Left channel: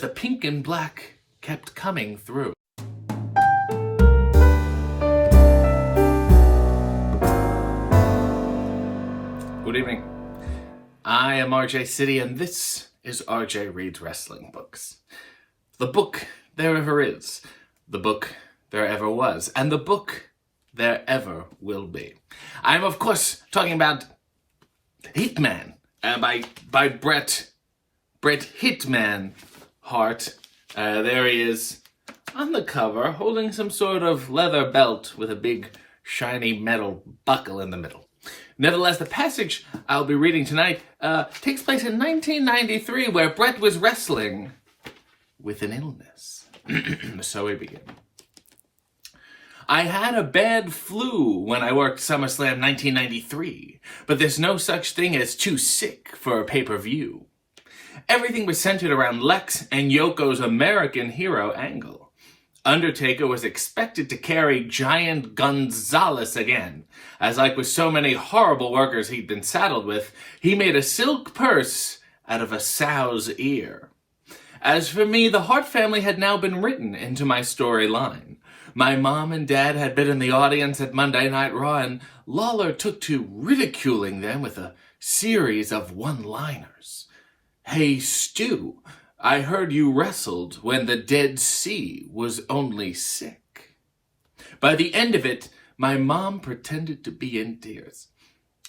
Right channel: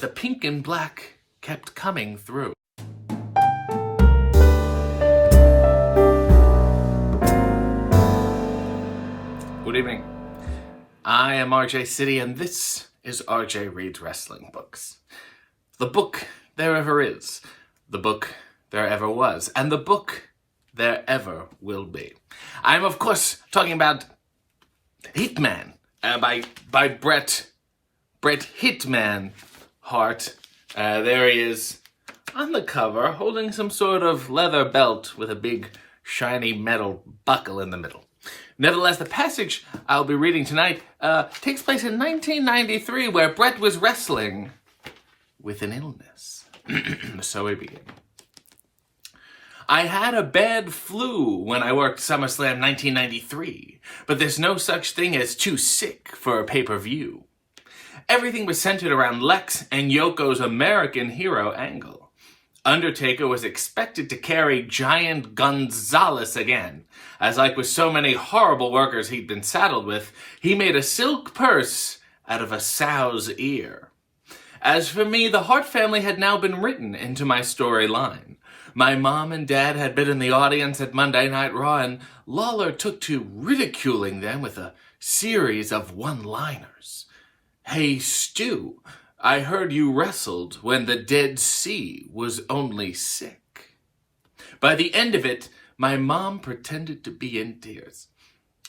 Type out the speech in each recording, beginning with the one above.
The pink and black kept coming through. Good evening. I am RJ City, and this is RJ Reads Wrestling Books. The book there ever is, the book there ever was, and the book there ever will be. I'm, of course, talking about Hitman by Bret Hitman Hart. There he is on the cover, holding some sort of leather belt with a big, shiny metal buckle in the middle. Nevertheless, the passage I'll be reading tonight takes place in 1993, where Bret was wrestling with an illness. So we begin. I had a bad flu when I worked SummerSlam 1993, but there's no such thing as too sick for a pay-per-view. Everything was centered around Lex and Yoko's American hero angle. Undertaker was expected to carry Giant Gonzalez again, as like with so many horrible workers he'd been saddled with, he made a silk purse out of a sow's ear. As for me, the Hart family had now been written into my storyline. My mom and dad had been in the audience at Monday Night Raw, and Lawler took to ridiculing them with a series of one-liners. "Hey, Stu, I heard you wrestled when the Dead Sea was only sick." By the end of it, my mom pretended to be in tears.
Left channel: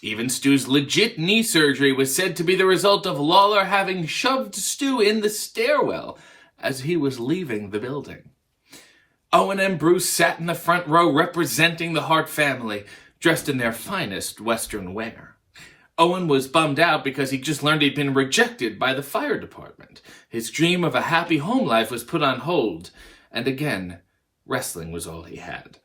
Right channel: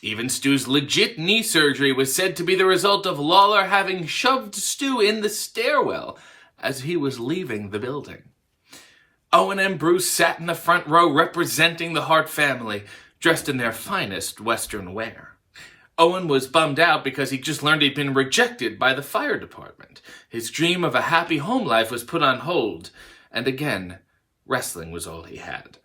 Even Stu's legit knee surgery was said to be the result of Lawler having shoved Stu in the stairwell as he was leaving the building. Owen and Bruce sat in the front row representing the Hart family, dressed in their finest Western wear. Owen was bummed out because he just learned he'd been rejected by the fire department. His dream of a happy home life was put on hold, and again, wrestling was all he had.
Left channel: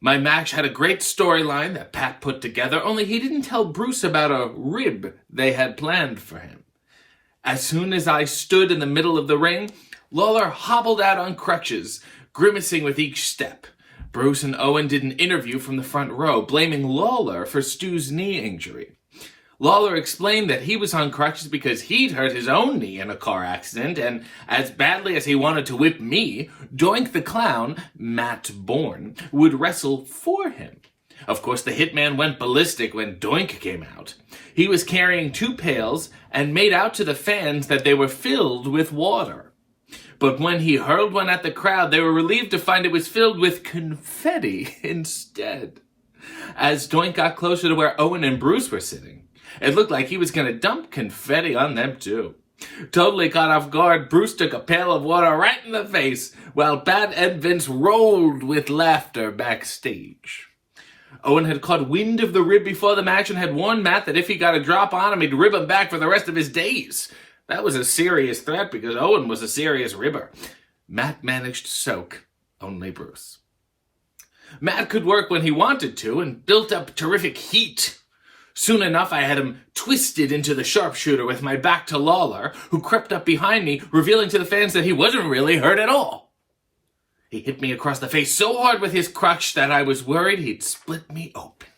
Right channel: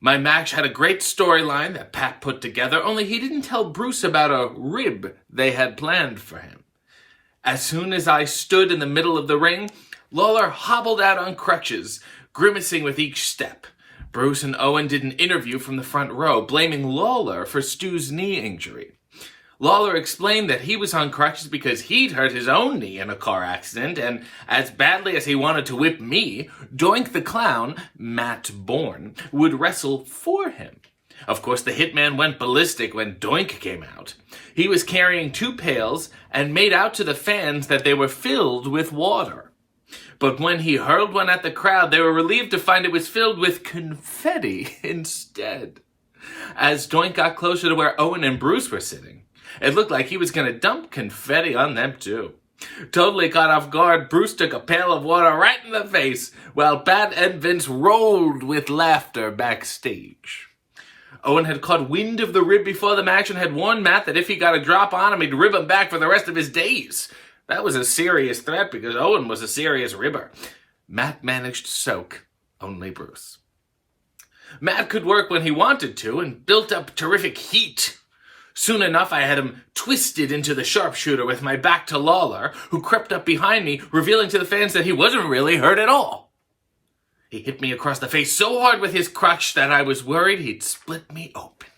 My match had a great storyline that Pat put together, only he didn't tell Bruce about a rib they had planned for him. As soon as I stood in the middle of the ring, Lawler hobbled out on crutches, grimacing with each step. Bruce and Owen did an interview from the front row, blaming Lawler for Stu's knee injury. Lawler explained that he was on crutches because he'd hurt his own knee in a car accident, and as badly as he wanted to whip me, Doink the Clown, Matt Bourne, would wrestle for him. Of course, the Hitman went ballistic when Doink came out. He was carrying 2 pails and made out to the fans that they were filled with water. But when he hurled one at the crowd, they were relieved to find it was filled with confetti instead. As Doink got closer to where Owen and Bruce were sitting, it looked like he was going to dump confetti on them, too. Totally caught off guard, Bruce took a pail of water right in the face, while Pat and Vince rolled with laughter backstage. Owen had caught wind of the rib before the match and had warned Matt that if he got a drop on him, he'd rib him back for the rest of his days. That was a serious threat because Owen was a serious ribber. Matt managed to soak only Bruce. Matt could work when he wanted to and built up terrific heat. Soon enough, I had him twisted into the sharpshooter with my back to Lawler, who crept up behind me, revealing to the fans that he wasn't really hurt at all. He hit me across the face so hard with his crutch that I was worried he'd split me open.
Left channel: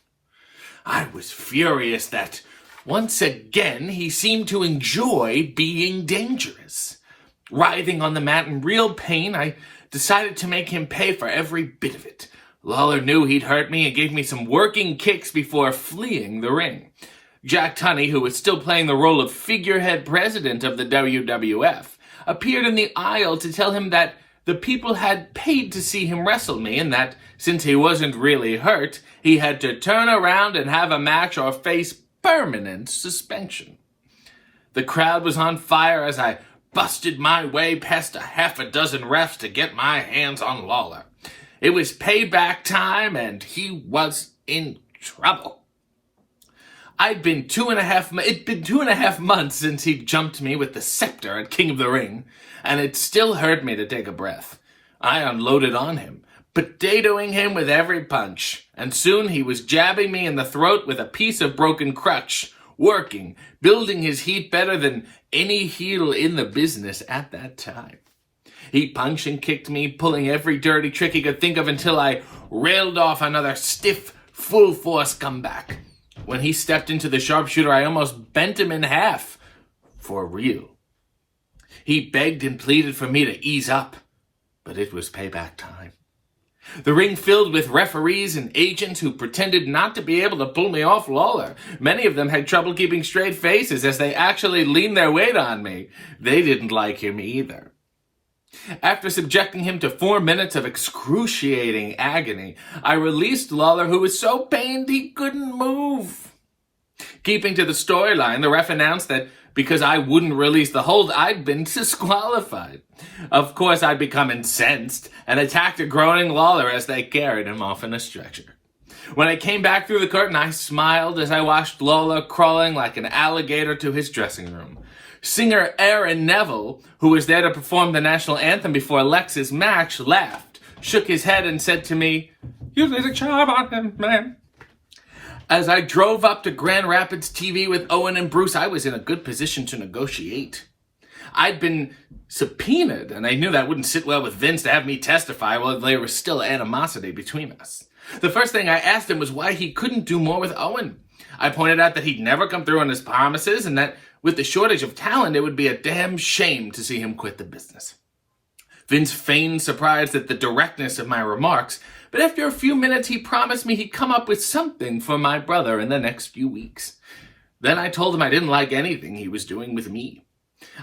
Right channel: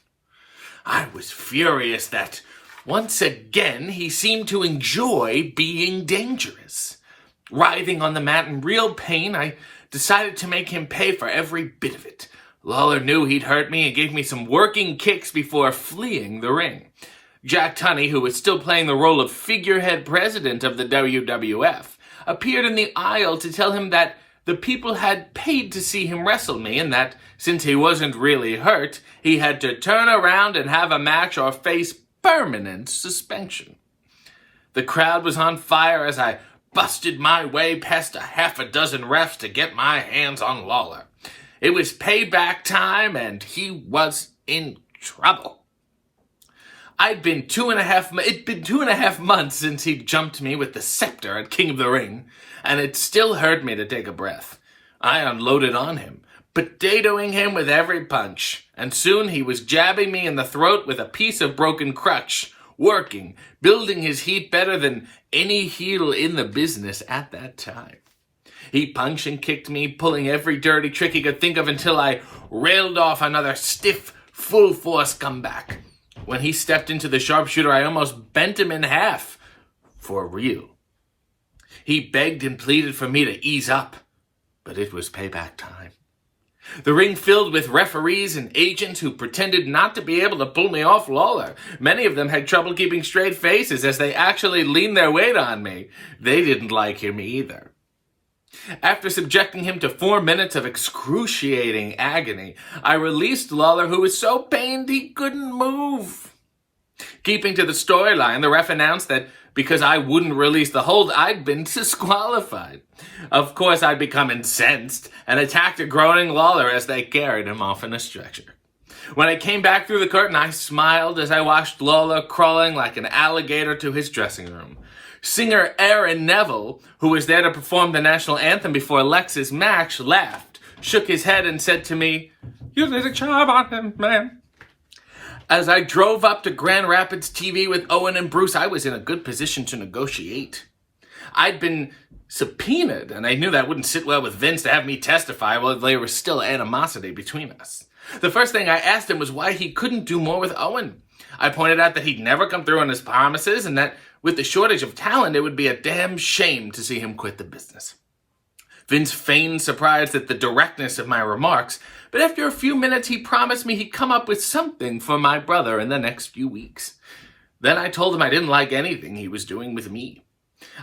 I was furious that, once again, he seemed to enjoy being dangerous. Writhing on the mat in real pain, I decided to make him pay for every bit of it. Lawler knew he'd hurt me and gave me some working kicks before fleeing the ring. Jack Tunney, who was still playing the role of figurehead president of the WWF, appeared in the aisle to tell him that the people had paid to see him wrestle me and that, since he wasn't really hurt, he had to turn around and have a match or face permanent suspension. The crowd was on fire as I busted my way past a half a dozen refs to get my hands on Lawler. It was payback time, and he was in trouble. It'd been 2.5 months since he jumped me with the scepter at King of the Ring, and it still hurt me to take a breath. I unloaded on him, potatoing him with every punch, and soon he was jabbing me in the throat with a piece of broken crutch, working, building his heat better than any heel in the business at that time. He punched and kicked me, pulling every dirty trick he could think of until I railed off another stiff, full-force comeback. When he stepped into the sharpshooter, I almost bent him in half. For real. He begged and pleaded for me to ease up, but it was payback time. The ring filled with referees and agents who pretended not to be able to pull me off Lawler. Many of them had trouble keeping straight faces as they actually leaned their weight on me. They didn't like him either. After subjecting him to 4 minutes of excruciating agony, I released Lawler, who was so pained he couldn't move. Keeping to the storyline, the ref announced that because I wouldn't release the hold, I'd been disqualified. Of course, I'd become incensed and attacked a groaning Lawler as they carried him off in a stretcher. When I came back through the curtain, I smiled as I watched Lawler crawling like an alligator to his dressing room. Singer Aaron Neville, who was there to perform the national anthem before Lex's match, laughed, shook his head, and said to me, "You did a job on him, man." As I drove up to Grand Rapids TV with Owen and Bruce, I was in a good position to negotiate. I'd been subpoenaed, and I knew that wouldn't sit well with Vince to have me testify while there was still animosity between us. The first thing I asked him was why he couldn't do more with Owen. I pointed out that he'd never come through on his promises, and that with the shortage of talent, it would be a damn shame to see him quit the business. Vince feigned surprise at the directness of my remarks, but after a few minutes, he promised me he'd come up with something for my brother in the next few weeks. Then I told him I didn't like anything he was doing with me.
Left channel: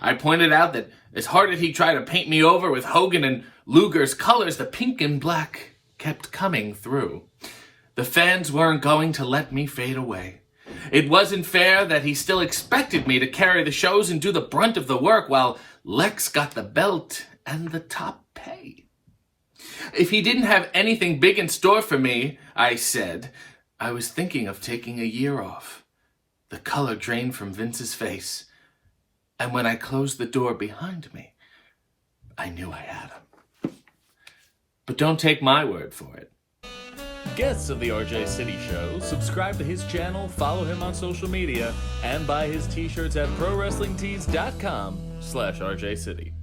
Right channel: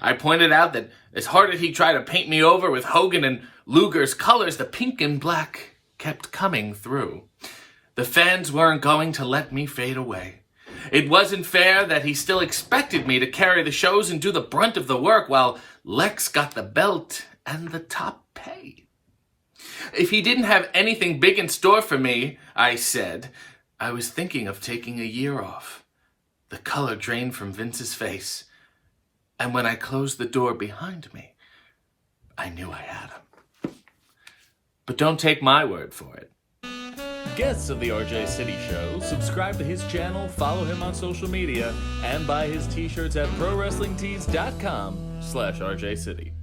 I pointed out that as hard as he tried to paint me over with Hogan and Luger's colors, the pink and black kept coming through. The fans weren't going to let me fade away. It wasn't fair that he still expected me to carry the shows and do the brunt of the work while Lex got the belt and the top pay. If he didn't have anything big in store for me, I said, I was thinking of taking a year off. The color drained from Vince's face, and when I closed the door behind me, I knew I had him. But don't take my word for it. Guests of the RJ City Show, subscribe to his channel, follow him on social media, and buy his t-shirts at ProWrestlingTees.com/RJ City.